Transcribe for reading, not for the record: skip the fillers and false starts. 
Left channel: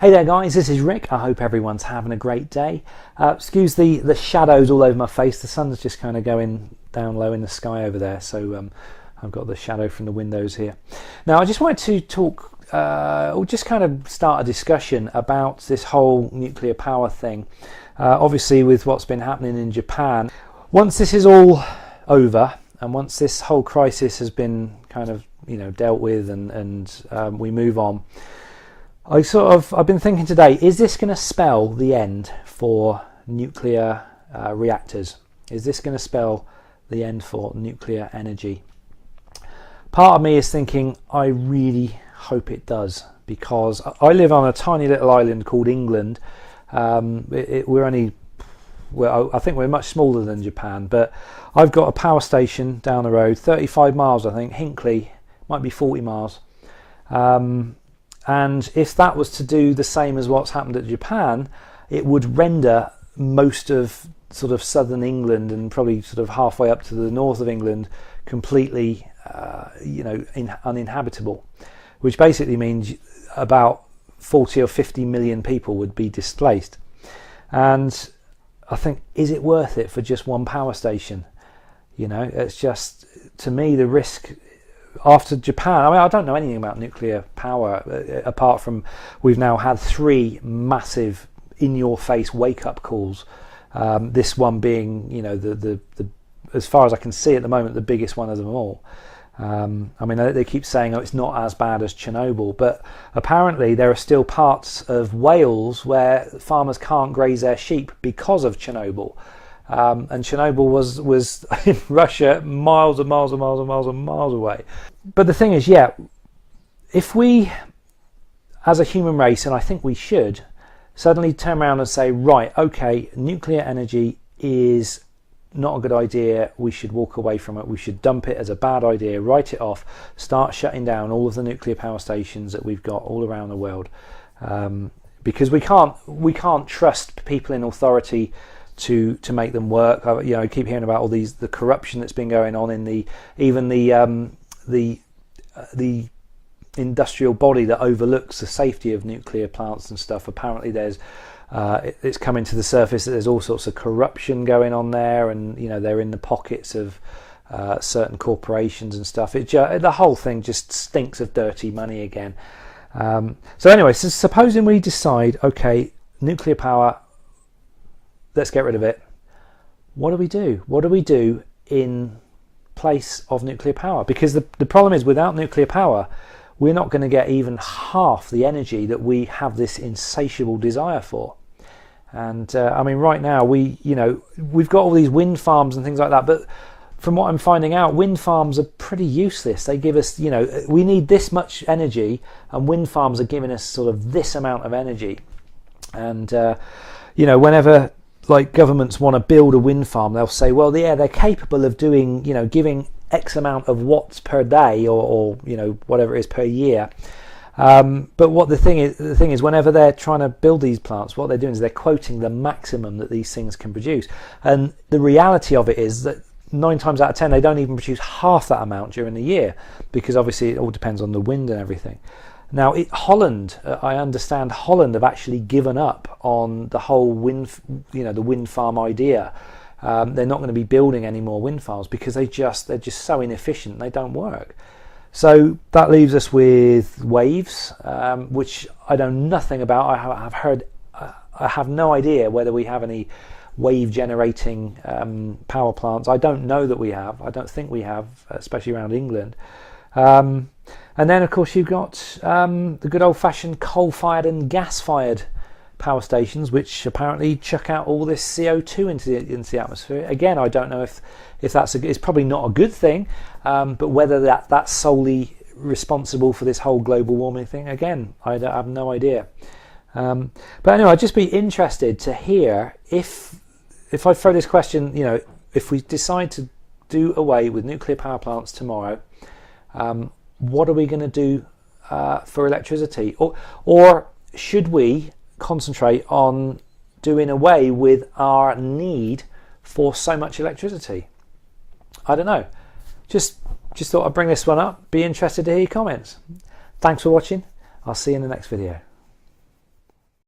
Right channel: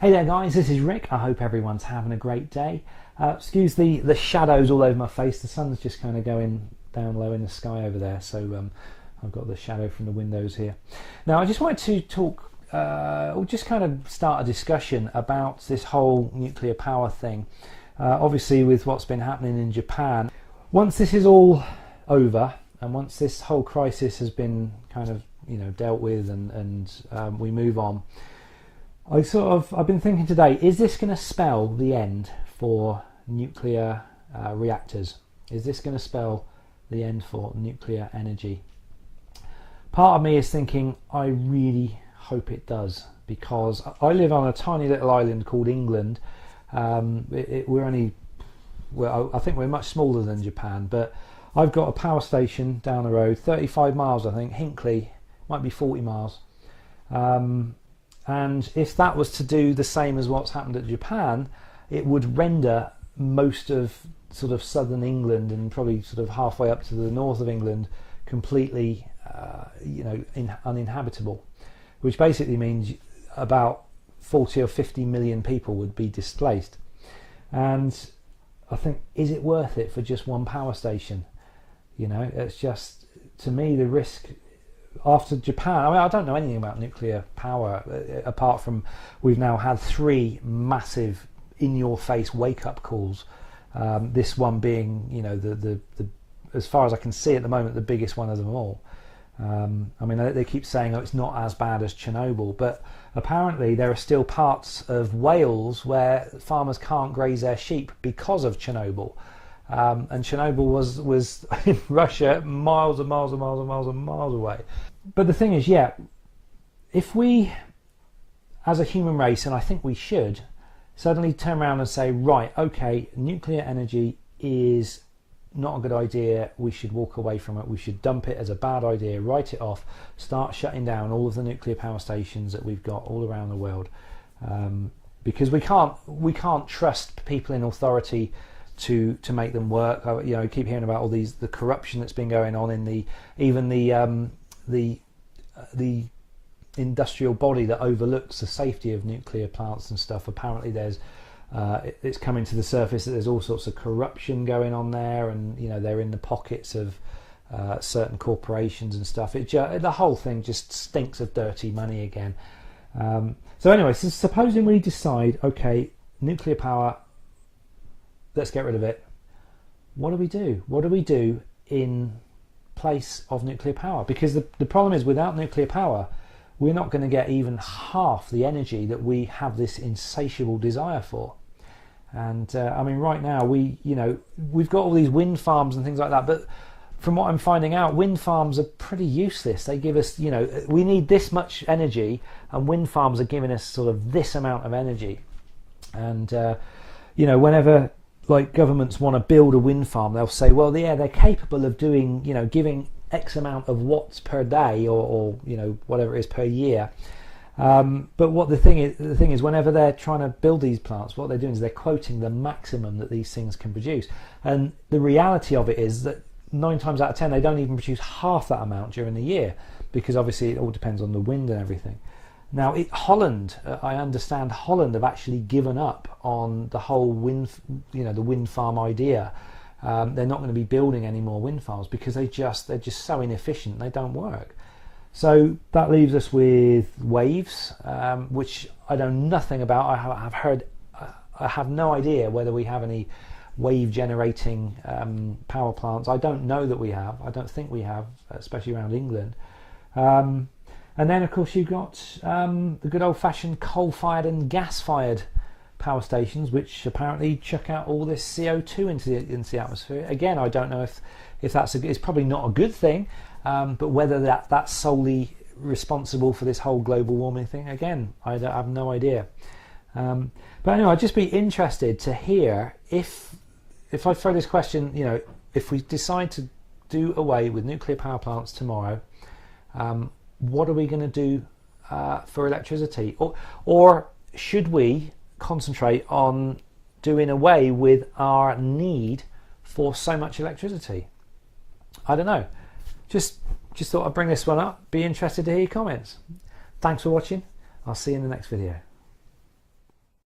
Hey there guys, this is Rick. I hope everyone's having a great day. Excuse the shadows all over my face. The sun's just kind of going down low in the sky over there, so I've got the shadow from the windows here. Now I just wanted to talk, or just kind of start a discussion about this whole nuclear power thing. Obviously with what's been happening in Japan. Once this is all over, and once this whole crisis has been kind of dealt with and we move on, I've been thinking today, is this going to spell the end for nuclear reactors? Is this going to spell the end for nuclear energy? Part of me is thinking, I really hope it does, because I live on a tiny little island called England. We're only, well, I think we're much smaller than Japan, but I've got a power station down the road, 35 miles I think, Hinkley, might be 40 miles. And if that was to do the same as what's happened at Japan, it would render most of sort of southern England and probably sort of halfway up to the north of England completely, uninhabitable, which basically means about 40 or 50 million people would be displaced. And I think, is it worth it for just one power station? It's just, to me, the risk. After Japan, I don't know anything about nuclear power apart from we've now had 3 massive in-your-face wake-up calls. This one being, the as far as I can see at the moment, the biggest one of them all. They keep saying, it's not as bad as Chernobyl, but apparently there are still parts of Wales where farmers can't graze their sheep because of Chernobyl. And Chernobyl was in Russia, miles and miles and miles and miles and miles away. But the thing is, if we, as a human race, and I think we should, suddenly turn around and say, right, okay, nuclear energy is not a good idea, we should walk away from it, we should dump it as a bad idea, write it off, start shutting down all of the nuclear power stations that we've got all around the world, because we can't trust people in authority to make them work. I keep hearing about all the corruption that's been going on in the industrial body that overlooks the safety of nuclear plants and stuff. Apparently it's coming to the surface that there's all sorts of corruption going on there, and they're in the pockets of certain corporations and stuff. The whole thing just stinks of dirty money again. So anyway, so supposing we decide, okay, nuclear power, let's get rid of it. What do we do? What do we do in place of nuclear power? Because the problem is, without nuclear power, we're not going to get even half the energy that we have this insatiable desire for. And right now we've got all these wind farms and things like that, but from what I'm finding out, wind farms are pretty useless. They give us, we need this much energy, and wind farms are giving us sort of this amount of energy. And whenever governments want to build a wind farm, they'll say, well, they're capable of doing, giving X amount of watts per day or whatever it is per year. But what the thing is, whenever they're trying to build these plants, what they're doing is they're quoting the maximum that these things can produce. And the reality of it is that 9 times out of 10, they don't even produce half that amount during the year, because obviously it all depends on the wind and everything. Now, Holland, I understand Holland have actually given up on the whole wind farm idea. They're not going to be building any more wind farms because they're just so inefficient. They don't work. So that leaves us with waves, which I know nothing about. I have no idea whether we have any wave generating power plants. I don't know that we have. I don't think we have, especially around England. And then, of course, you've got the good old-fashioned coal-fired and gas-fired power stations, which apparently chuck out all this CO2 into the atmosphere. Again, I don't know if it's probably not a good thing, but whether that's solely responsible for this whole global warming thing, again, I have no idea. But anyway, I'd just be interested to hear if I throw this question, if we decide to do away with nuclear power plants tomorrow, what are we going to do for electricity? Or should we concentrate on doing away with our need for so much electricity? I don't know. Just thought I'd bring this one up. Be interested to hear your comments. Thanks for watching. I'll see you in the next video.